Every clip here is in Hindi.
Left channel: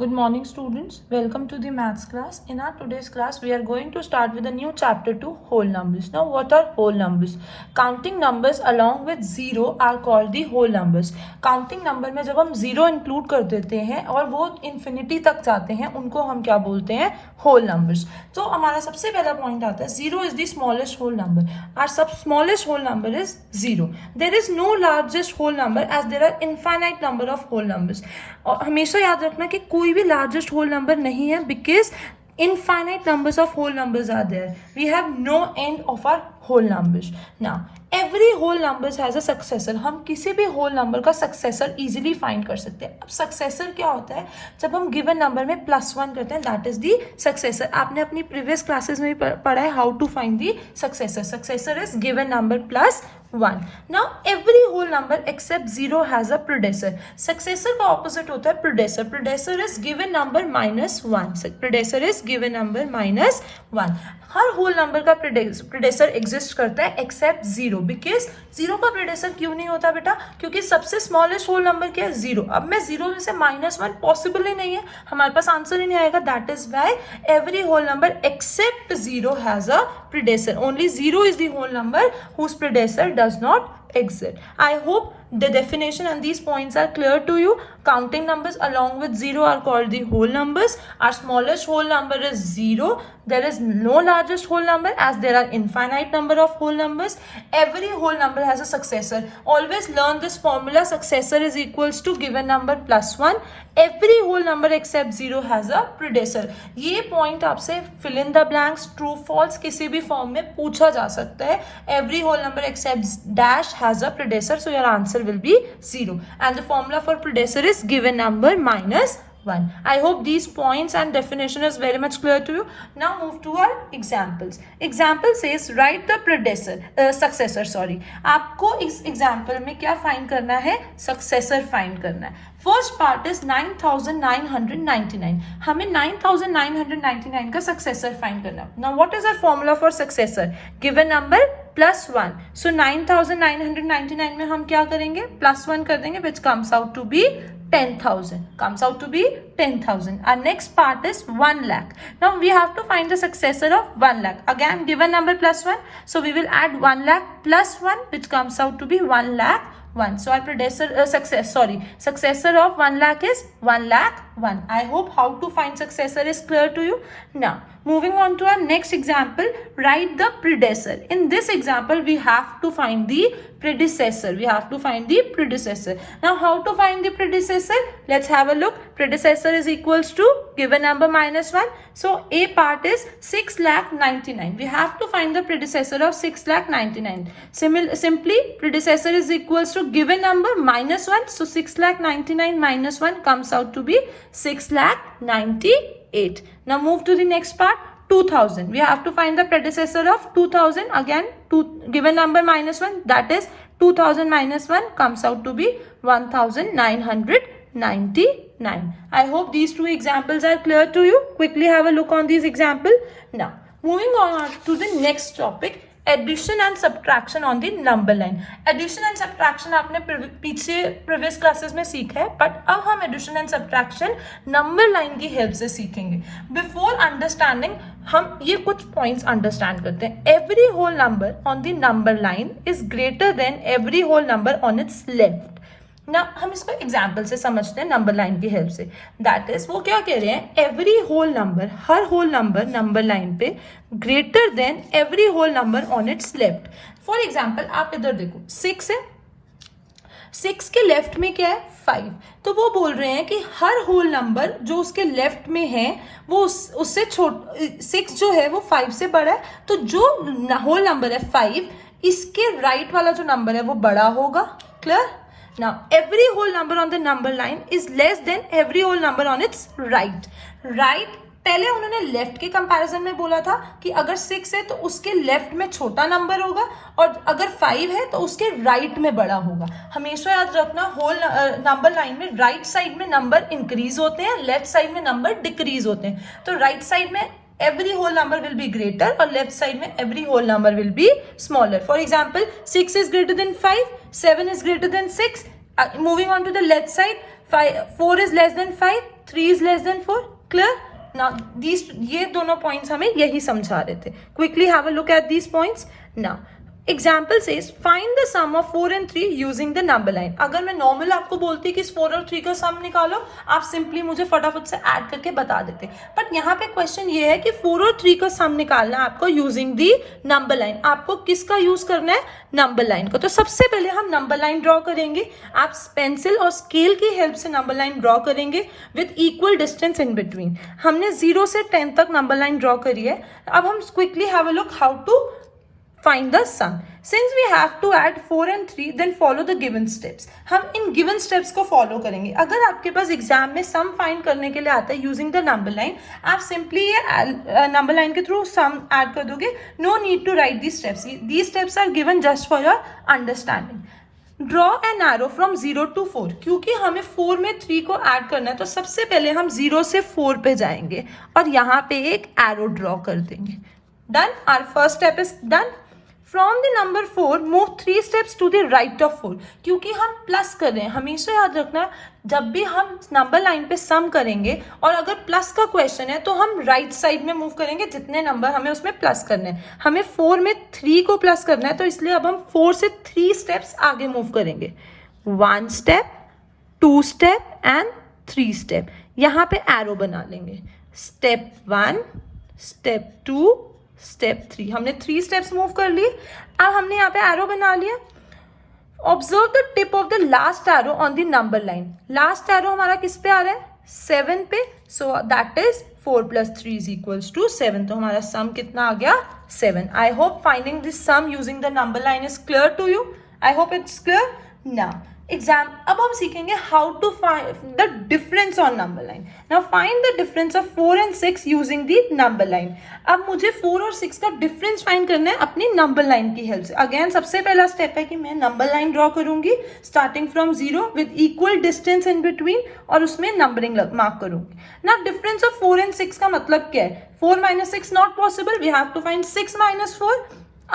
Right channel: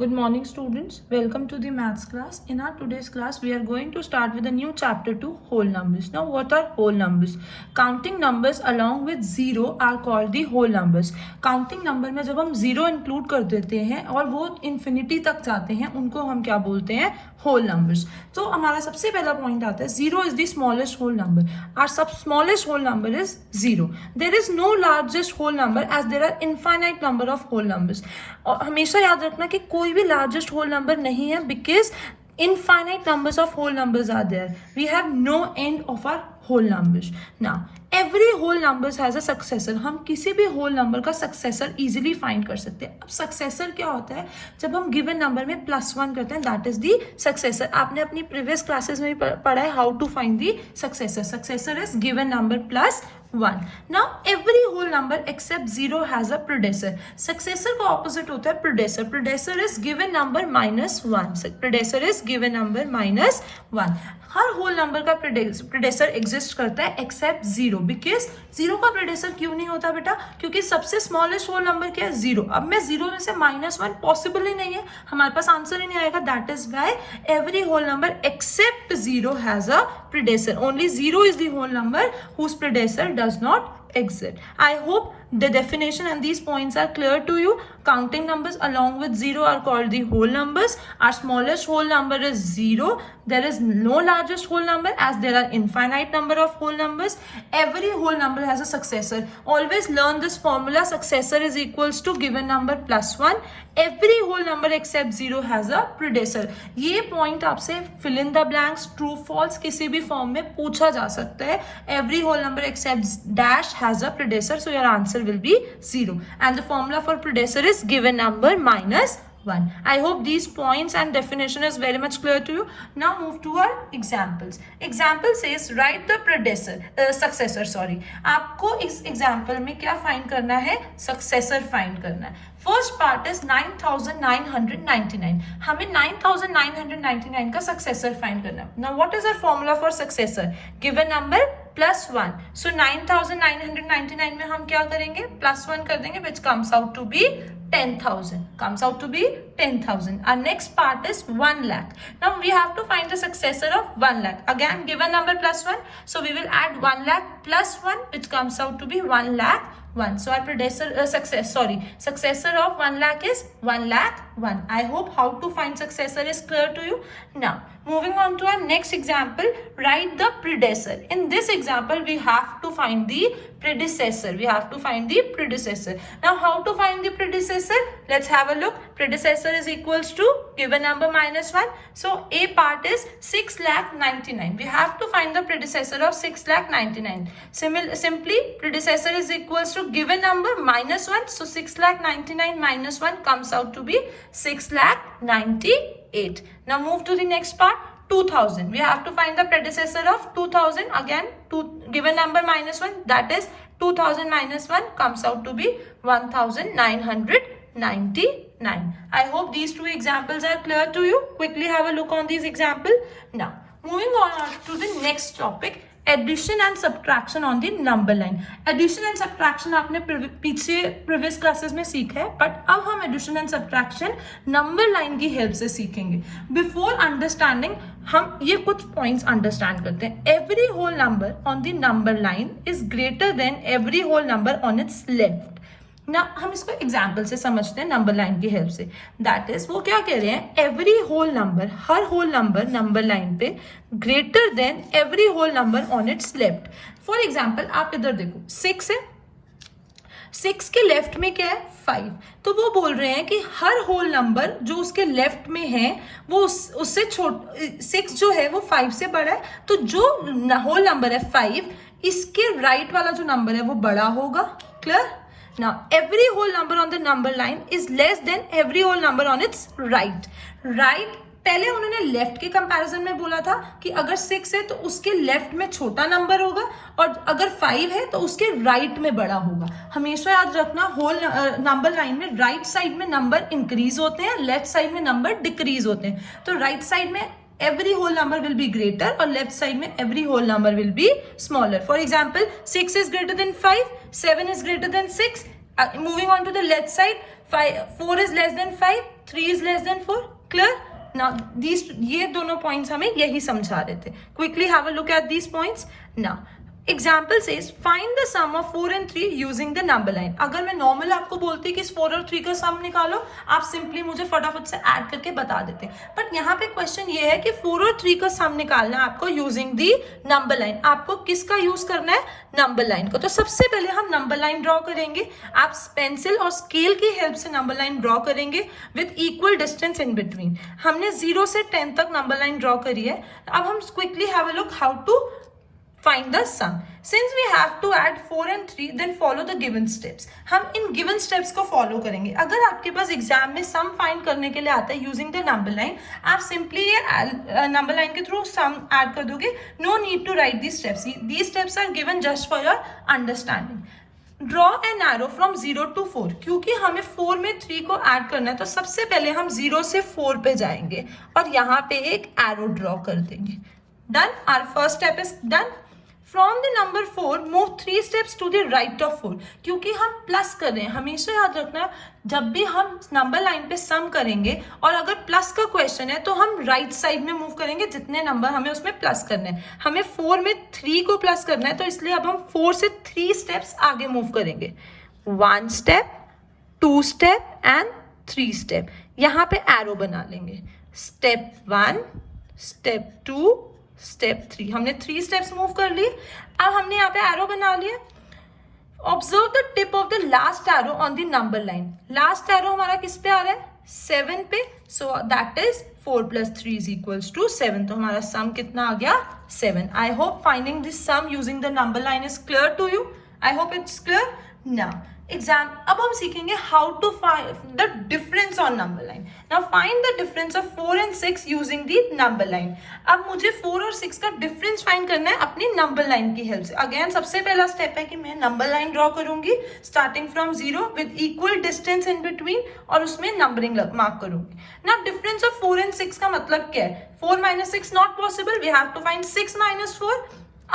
Good morning students, welcome to the maths class. In our today's class we are going to start with a new chapter 2, whole numbers. Now what are whole numbers? Counting numbers along with zero are called the whole numbers. Counting number में जब हम zero include कर देते हैं और वो infinity तक जाते हैं उनको हम क्या बोलते हैं? whole numbers. तो हमारा सबसे पहला पॉइंट आता है zero is the smallest whole number. Our smallest whole number is zero. There is no largest whole number as there are infinite number of whole numbers. और हमेशा याद रखना कि कोई भी largest whole number नहीं है because infinite numbers of whole numbers are there. We have no end of our whole numbers. Now every whole numbers has a successor. हम किसी भी whole number का successor easily find कर सकते हैं. अब successor क्या होता है? जब हम given number में +1 करते हैं that is the successor. आपने अपनी previous classes में पढ़ा है how to find the successor. Successor is given number plus 1. Now every whole number except 0 has a predecessor. Successor का opposite होता है predecessor. Predecessor is given number -1. Predecessor is given number -1. Her whole number का predecessor exist करता है except 0. Because 0 का predecessor क्यों नहीं होता बेटा? क्योंकि सबसे smallest whole number क्या है? 0. अब मैं 0 में से -1 possible ही नहीं है, हमारे पास आंसर ही नहीं आएगा. That is why every whole number except 0 has a predecessor. Only 0 is the whole number whose predecessor does not exist. I hope the definition and these points are clear to you. Counting numbers along with 0 are called the whole numbers. Our smallest whole number is 0. There is no largest whole number as there are infinite number of whole numbers. Every whole number has a successor. Always learn this formula. Successor is equals to given number plus 1. Every whole number except 0 has a predecessor. ये point आपसे fill in the blanks, true, false किसी भी form में पूछा जा सकता है. Every whole number except dash has a predecessor, so your answer will be 0. And the formula for predecessor is given number -1. I hope these points and definition is very much clear to you. Now move to our examples. Example says write the successor. आपको इस example में क्या find करना है? Successor find करना है. First part is 9,999. हमें 9,999 का successor find करना है. Now what is our formula for successor? Given number plus 1. So 9,999 में हम क्या करेंगे? Plus 1 कर देंगे which comes out to be 10,000. Comes out to be 10,000. Our next part is 1 lakh. Now we have to find the successor of 1 lakh. Again given number plus 1. So we will add 1 lakh plus 1 which comes out to be 1 lakh 1. So our successor of 1 lakh is 1 lakh 1. I hope how to find successor is clear to you. Now moving on to our next example, write the predecessor. In this example we have to find the predecessor. Now how to find the predecessor? Let's have a look. Predecessor is equals to given number -1. So a part is 6,99,000. We have to find the predecessor of 6,99,000. Simply predecessor is equals to given number -1. So 6,99,000 -1 comes out to be 6,98,000. Now move to the next part. 2,000. We have to find the predecessor of 2,000. Again, given number -1, that is 2,000 -1 comes out to be 1,999. I hope these two examples are clear to you. Quickly have a look on these examples. Now, moving on to the next topic. Addition and subtraction on the number line. Addition and subtraction आपने पीछे previous classes में सीखा है, but अब हम addition and subtraction number line की help से सीखेंगे. Before understanding, हम ये कुछ points understand करते हैं. Every whole number on the number line is greater than every whole number on its left. Now हम इसको एग्जाम्पल से समझते हैं नंबर लाइन की हेल्प से. दैट इज वो क्या कह रहे हैं? एवरी होल नंबर, हर होल नंबर नंबर लाइन पे greater than every whole number on its left. For example आप इधर देखो 6 है, 6 के लेफ्ट में क्या है? 5. तो वो बोल रहे हैं कि हर होल नंबर जो उसके लेफ्ट में है वो उससे 6 जो है वो 5 से बड़ा है. तो जो होल नंबर है 5, इसके राइट वाला जो नंबर है वो बड़ा होगा. Clear? Now every whole number on the number line is less than every whole number on its right. Right पहले उन्होंने लेफ्ट के कंपैरिजन में बोला था कि अगर 6 है तो उसके लेफ्ट में छोटा नंबर होगा और अगर 5 है तो उसके राइट में बड़ा होगा. हमेशा याद रखना होल नंबर लाइन में राइट साइड में नंबर इंक्रीज होते हैं, लेफ्ट साइड में नंबर डिक्रीज होते हैं. तो राइट साइड में every whole number will be greater और left side में every whole number will be smaller. For example, 6 is greater than 5, 7 is greater than 6. Moving on to the left side, 4 is less than 5, 3 is less than 4. Clear? Now ये दोनों पॉइंट्स हमें यही समझा रहे थे. Quickly have a look at these points. Now example says find the sum of 4 and 3 using the number line. अगर मैं नॉर्मल आपको बोलती कि इस 4 और 3 का सम निकालो, आप सिंपली मुझे फटाफट से ऐड करके बता देते. बट यहाँ पे क्वेश्चन ये है कि 4 और 3 का सम निकालना है आपको यूजिंग दी नंबर लाइन. आपको किसका यूज करना है? नंबर लाइन को. तो सबसे पहले हम नंबर लाइन ड्रॉ करेंगे. आप पेंसिल और स्केल की हेल्प से नंबर लाइन ड्रॉ करेंगे with equal distance in between. हमने 0 से 10 तक नंबर लाइन ड्रॉ करी है. अब हम quickly have a look how to find the sum. Since we have to add 4 and 3, then follow the given steps. हम इन given steps को follow करेंगे. अगर आपके पास एग्जाम में sum find करने के लिए आता है using the number line, आप simply ये number line के through sum add कर दोगे. No need to write these steps. These steps are given just for your understanding. Draw an arrow from 0 to 4. क्योंकि हमें 4 में 3 को ऐड करना है, तो सबसे पहले हम 0 से 4 पे जाएंगे और यहाँ पे एक एरो ड्रॉ कर देंगे. Done. Our first step is done. From the number 4, move 3 steps to the right of 4. क्योंकि हम प्लस कर रहे हैं, हमेशा याद रखना जब भी हम नंबर लाइन पे सम करेंगे और अगर प्लस का क्वेश्चन है तो हम राइट साइड में मूव करेंगे जितने नंबर हमें उसमें प्लस करने हैं. हमें 4 में 3 को प्लस करना है, तो इसलिए अब हम 4 से 3 स्टेप्स आगे मूव करेंगे. 1 स्टेप, 2 स्टेप एंड 3 स्टेप. यहाँ पे एरो बना लेंगे. Step 1, step 2, step 3. हमने 3 स्टेप्स मूव कर लिए. अब हमने यहाँ पे एरो बना लिया. Observe the tip of the last arrow on the number line. Last arrow हमारा किस पे आ रहा है? 7 पे. So that is 4 + 3 = 7. तो हमारा सम कितना आ गया? 7. I hope finding this sum using the number line is clear to you. I hope it's clear. Now अब हम सीखेंगे how to find the difference on number line. Now find the difference of 4 and 6 using the number line. अब मुझे 4 और 6 का डिफरेंस फाइंड करना है अपनी नंबर लाइन की हेल्प से. अगेन सबसे पहला स्टेप है कि मैं नंबर लाइन ड्रॉ करूंगी starting from 0 with equal distance in between और उसमें नंबरिंग मार्क करूंगी. नाउ डिफरेंस ऑफ 4 and 6 का मतलब क्या है? 4 - 6 not possible. We have to find 6 - 4.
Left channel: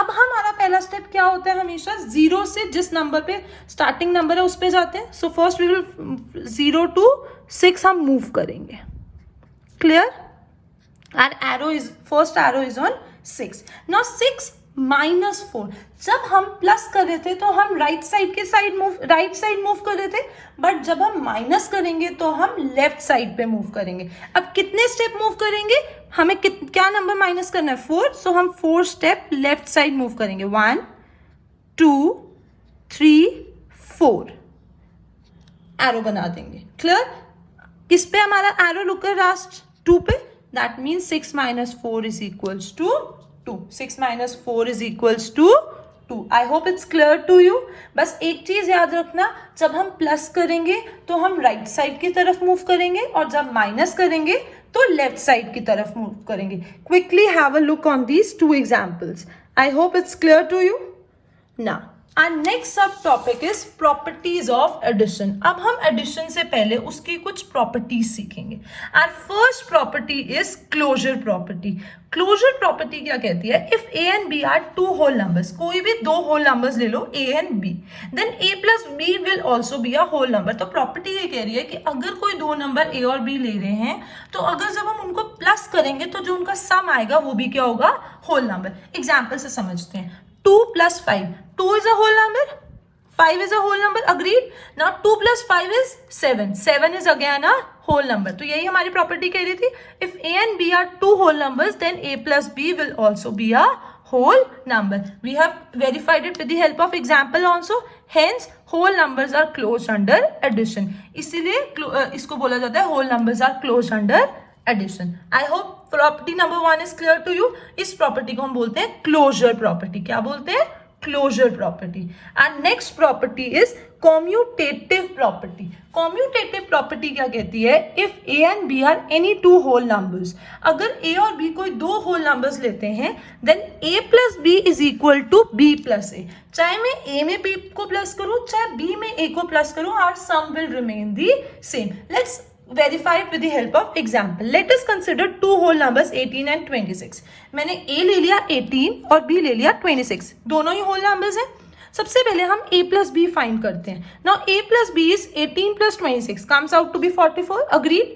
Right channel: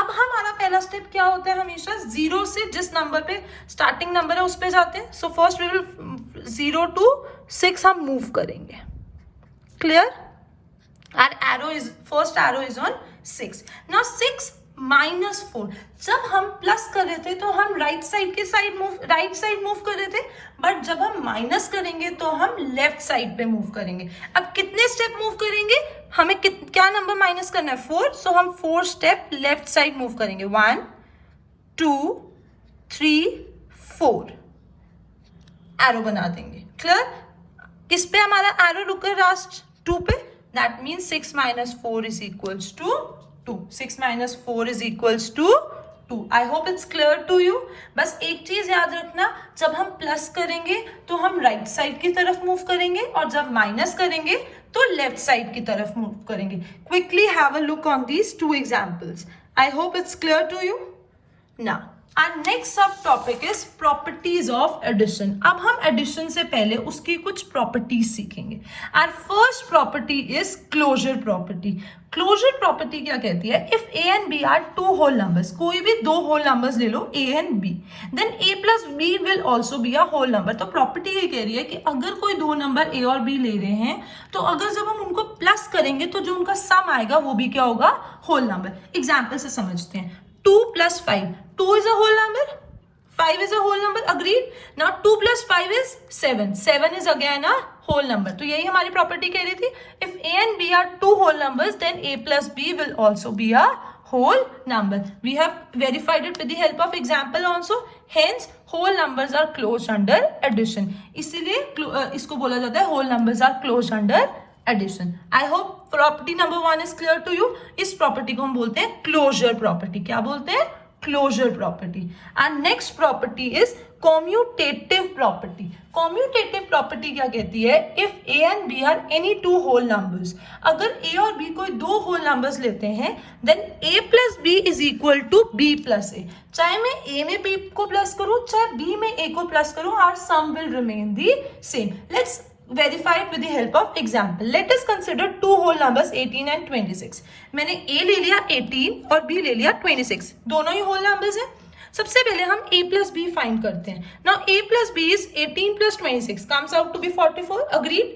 अब हमारा पहला स्टेप क्या होता है? हमेशा 0 से जिस नंबर पे स्टार्टिंग नंबर है उस पे जाते हैं. So first we will 0 to 6 हम मूव करेंगे. Clear? Our arrow is first arrow is on 6. Now 6 - 4. जब हम प्लस कर रहे थे तो हम राइट साइड मूव कर रहे थे, बट जब हम माइनस करेंगे तो हम लेफ्ट साइड पे मूव करेंगे. अब कितने स्टेप मूव करेंगे? हमें क्या नंबर माइनस करना है? 4. सो हम 4 स्टेप लेफ्ट साइड मूव करेंगे. 1 2 3 4 एरो बना देंगे. क्लियर? किस पे हमारा एरो रुक है? लास्ट 2 पे. That means 6 - 4 = 2. 6 - 4 = 2. I hope it's clear to you. बस एक चीज याद रखना, जब हम प्लस करेंगे तो हम राइट साइड की तरफ मूव करेंगे और जब माइनस करेंगे तो लेफ्ट साइड की तरफ मूव करेंगे. Quickly have a look on these 2 examples. I hope it's clear to you. Now our next sub topic is properties of addition. अब हम addition से पहले उसकी कुछ properties सीखेंगे. Our first property is closure property. Closure property क्या कहती है? If a and b are 2 whole numbers, कोई भी 2 whole numbers ले लो a and b, then a plus b will also be a whole number. तो property ये कह रही है कि अगर कोई 2 नंबर a और b ले रहे हैं तो अगर जब हम उनको प्लस करेंगे तो जो उनका सम आएगा वो भी क्या होगा? Whole number. एग्जाम्पल से समझते हैं. 2 + 5. 2 is a whole number. 5 is a whole number. Agreed. Now 2 + 5 is 7. 7 is again a whole number. तो यही हमारी प्रॉपर्टी कह रही थी. If a and b are 2 whole numbers, then a plus b will also be a whole number. We have verified it with the help of example also. Hence, whole numbers are closed under addition. इसीलिए इसको बोला जाता है whole numbers are closed under addition. I hope property number 1 is clear to you. इस प्रॉपर्टी को हम बोलते हैं क्लोजर प्रॉपर्टी. क्या बोलते हैं? Closure property. And next property is commutative property. Commutative property क्या कहती है? If a and b are any 2 whole numbers, अगर a और b कोई 2 whole numbers लेते हैं, then a plus b is equal to b plus a. चाहे मैं a में b को प्लस करूं चाहे b में a को प्लस करूं, our sum will remain the same. Let's verify it with the help of example. Let us consider 2 whole numbers 18 and 26. मैंने a ले लिया 18 और b ले लिया 26. दोनों ही whole numbers हैं. सबसे पहले हम a plus b फाइंड करते हैं. Now a plus b is 18 plus 26 comes out to be 44. Agreed.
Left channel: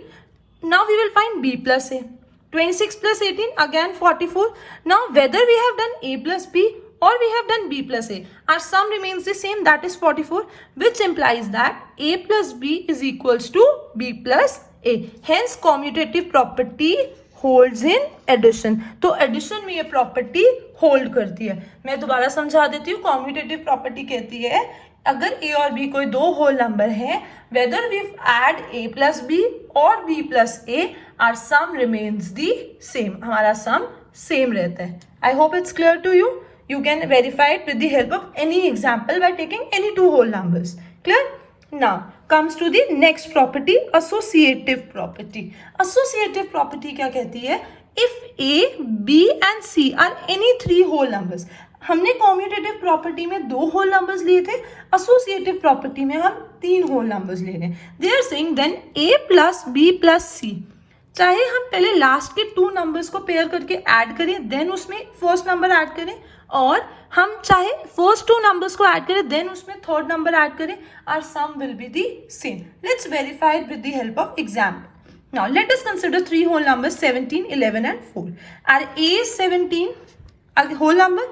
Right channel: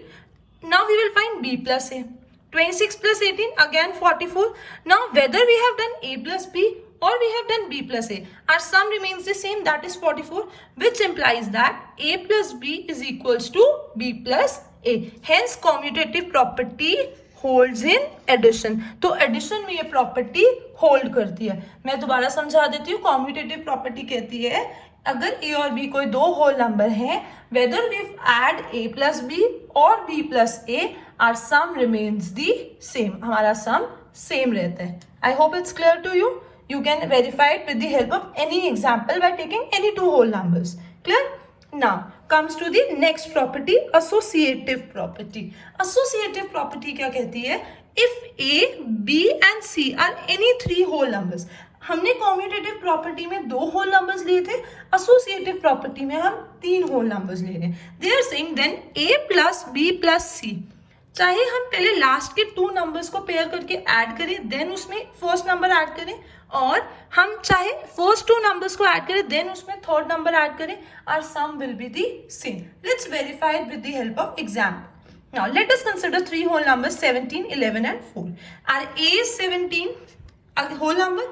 Now we will find b plus a. 26 plus 18, again 44. Now whether we have done a plus b or we have done b plus a, our sum remains the same, that is 44, which implies that a plus b is equals to b plus a. Hence commutative property holds in addition. तो addition में ये property hold करती है. मैं दोबारा समझा देती हूँ. commutative property कहती है अगर a और b कोई दो whole number है, whether we add a plus b or b plus a, our sum remains the same. हमारा sum same रहता है. I hope it's clear to you. You can verify it with the help of any example by taking any two whole numbers. Clear? Now comes to the next property, associative property. Associative property क्या कहती है? If a, b and c are any three whole numbers. हमने कॉम्यूटेटिव प्रॉपर्टी में दो होल नंबर्स लिए थे, एसोसिएटिव प्रॉपर्टी में हम तीन होल नंबर्स ले रहे हैं. They are saying then a plus b plus c. चाहे हम पहले लास्ट के टू नंबर्स को पेयर करके ऐड करें, देन उसमें फर्स्ट नंबर ऐड करें, और हम चाहे फर्स्ट टू नंबर्स को ऐड करें, देन उसमें थर्ड नंबर ऐड करें, our sum will be the same. Let's verify it with the help of example. Now let us consider three whole numbers 17, 11 and 4. Our a is 17, a whole number,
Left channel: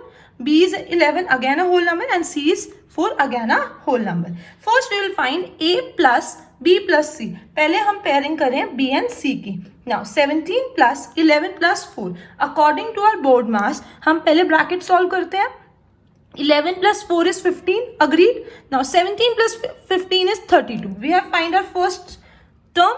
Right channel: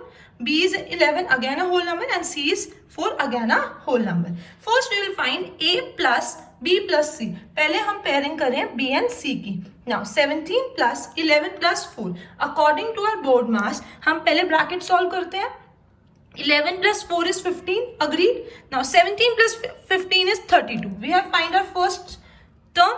b is 11, again a whole number, and c is 4, again a whole number. First we will find a plus b plus c. पहले हम pairing करें b and c की. Now 17 plus 11 plus 4. According to our board mass, हम पहले bracket solve करते हैं. 11 plus 4 is 15, agreed. Now 17 plus 15 is 32. We have find our first term.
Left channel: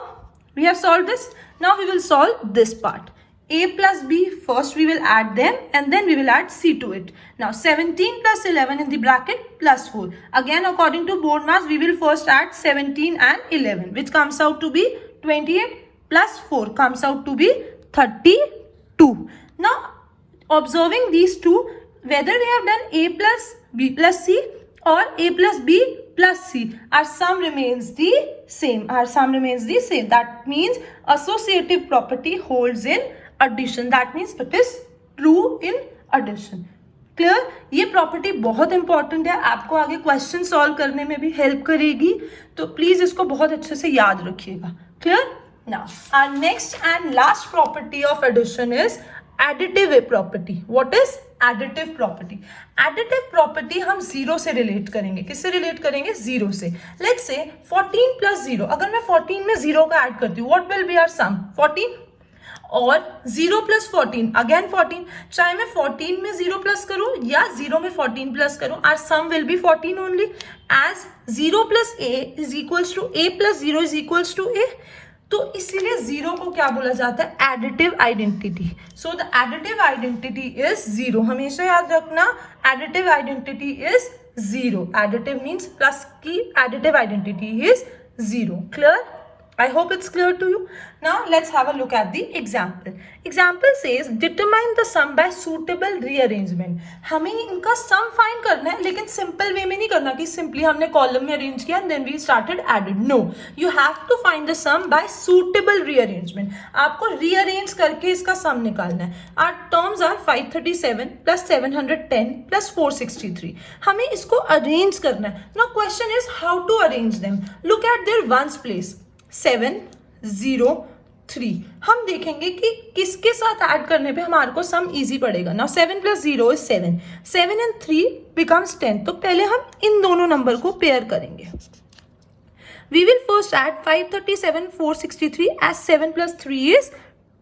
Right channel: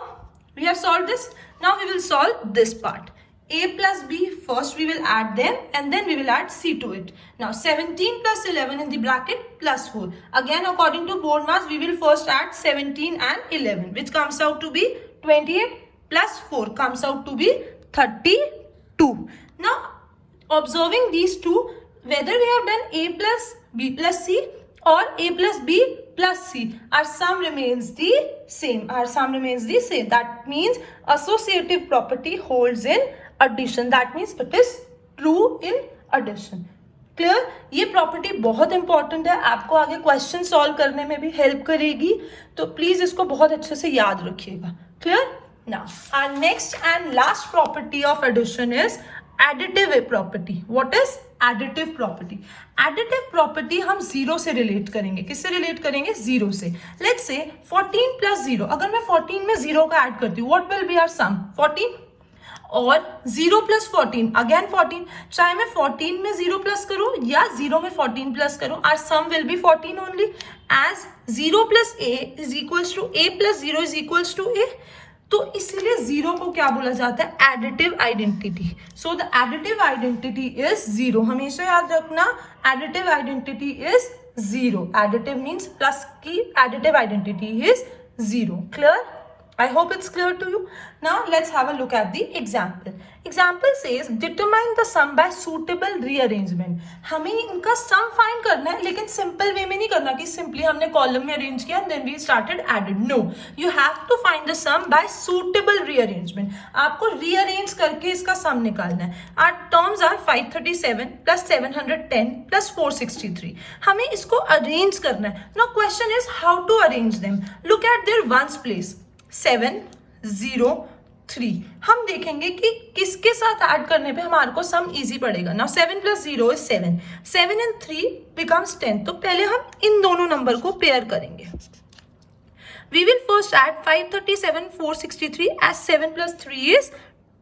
We have solved this. Now we will solve this part. A plus b, first we will add them and then we will add c to it. Now 17 plus 11 in the bracket plus 4. Again according to board mass, we will first add 17 and 11, which comes out to be 28 plus 4 comes out to be 32. Now observing these two, whether we have done a plus b plus c or a plus b plus c, our sum remains the same. Our sum remains the same. That means associative property holds in addition. That means it is true in addition. Clear? ये प्रॉपर्टी बहुत इंपॉर्टेंट है, आपको आगे क्वेश्चन सॉल्व करने में भी हेल्प करेगी, तो प्लीज इसको बहुत अच्छे से याद रखिएगा. Clear? Now our next and last property of addition is additive property. What is additive property? Additive property हम जीरो से रिलेट करेंगे. किससे रिलेट करेंगे? जीरो से. Let's say 14 plus 0. अगर मैं 14 में 0 का ऐड करती हूँ, what will be our sum? 14. और 0 plus 14, again 14. चाहे मैं 14 में 0 प्लस करूँ या 0 में 14 प्लस करूँ, our sum will be 14 only. As 0 plus a is equals to a plus 0 is equals to a. तो इसीलिए जीरो को क्या बोला जाता है? Additive identity. So the additive identity is zero. हमेशा याद रखना, additive identity is zero. Additive means plus की additive identity is zero. Clear? I hope it's clear to you. Now let's have a look at the example. Example says determine the sum by suitable rearrangement. हमें इनका sum find करना है, लेकिन simple way में नहीं करना कि simply हमने column में arrange किया and then we started added. No, you have to find the sum by suitable rearrangement. आपको rearrange करके इसका sum निकालना है. Our terms are 537 plus 710 plus 463. हमें इसको arrange करना है. Now question is how to arrange them. Look at their ones place. 7, 0, 3. हम देखेंगे कि किसके साथ ऐड करने पे हमारे को सम इजी पड़ेगा. Now 7 plus 0 is 7. 7 and 3 becomes 10. तो पहले हम इन दोनों नंबर को पेयर करेंगे. We will first add 537, 463 as 7 plus 3 is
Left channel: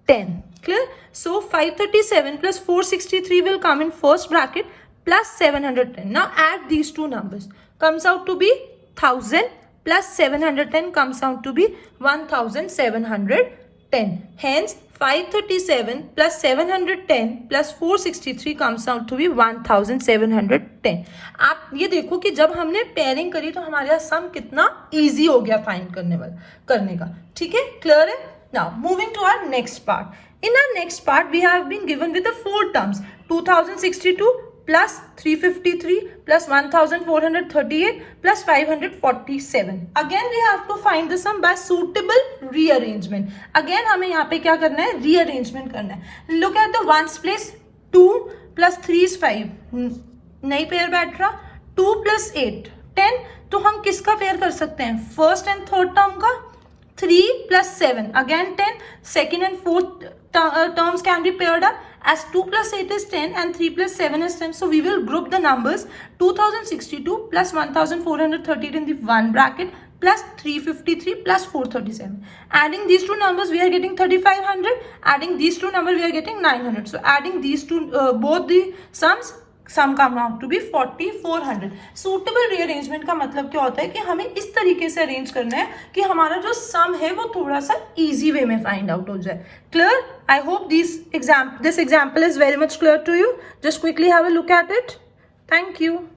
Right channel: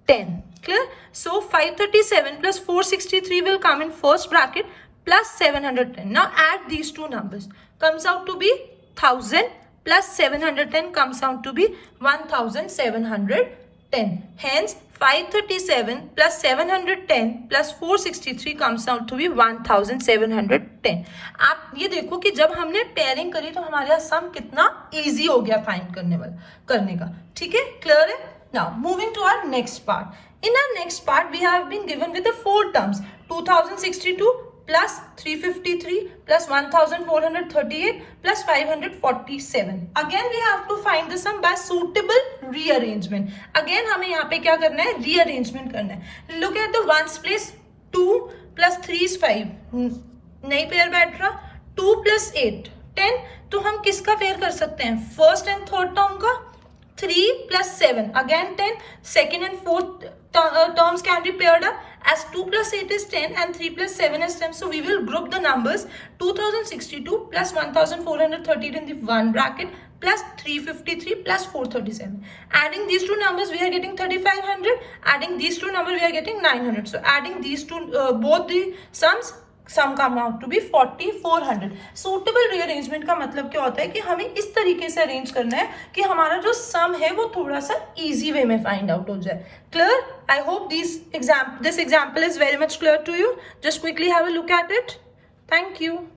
10. Clear? So 537 plus 463 will come in first bracket plus 710. Now add these two numbers. Comes out to be 1000. Plus 710 comes out to be 1710. Hence 537 plus 710 plus 463 comes out to be 1710. आप ये देखो कि जब हमने पेयरिंग करी तो हमारे सम कितना इजी हो गया फाइंड करने का. ठीक है? क्लियर है? Now moving to our next part. In our next part we have been given with the four terms: 2062 plus 353 plus 1438 plus 547. Again we have to find the sum by suitable rearrangement. Again हमें यहाँ पे क्या करना है? Rearrangement करना है. Look at the ones place. 2 plus 3 is 5. नहीं पेयर बैठ रहा. 2 plus 8 10. तो हम किसका पेयर कर सकते हैं? फर्स्ट एंड थर्ड टर्म का. 3 plus 7, again 10. Second and fourth terms can be paired up, as 2 plus 8 is 10 and 3 plus 7 is 10. So we will group the numbers 2062 plus 1413 in the one bracket plus 353 plus 437. Adding these two numbers, we are getting 3500. Adding these two numbers, we are getting 900. So adding these two, both the sum come out to be 4400. Suitable rearrangement का मतलब क्या होता है कि हमें इस तरीके से अरेंज करना है कि हमारा जो सम है वो थोड़ा सा इजी वे में फाइंड आउट हो जाए. Clear? I hope this example is very much clear to you. Just quickly have a look at it. Thank you.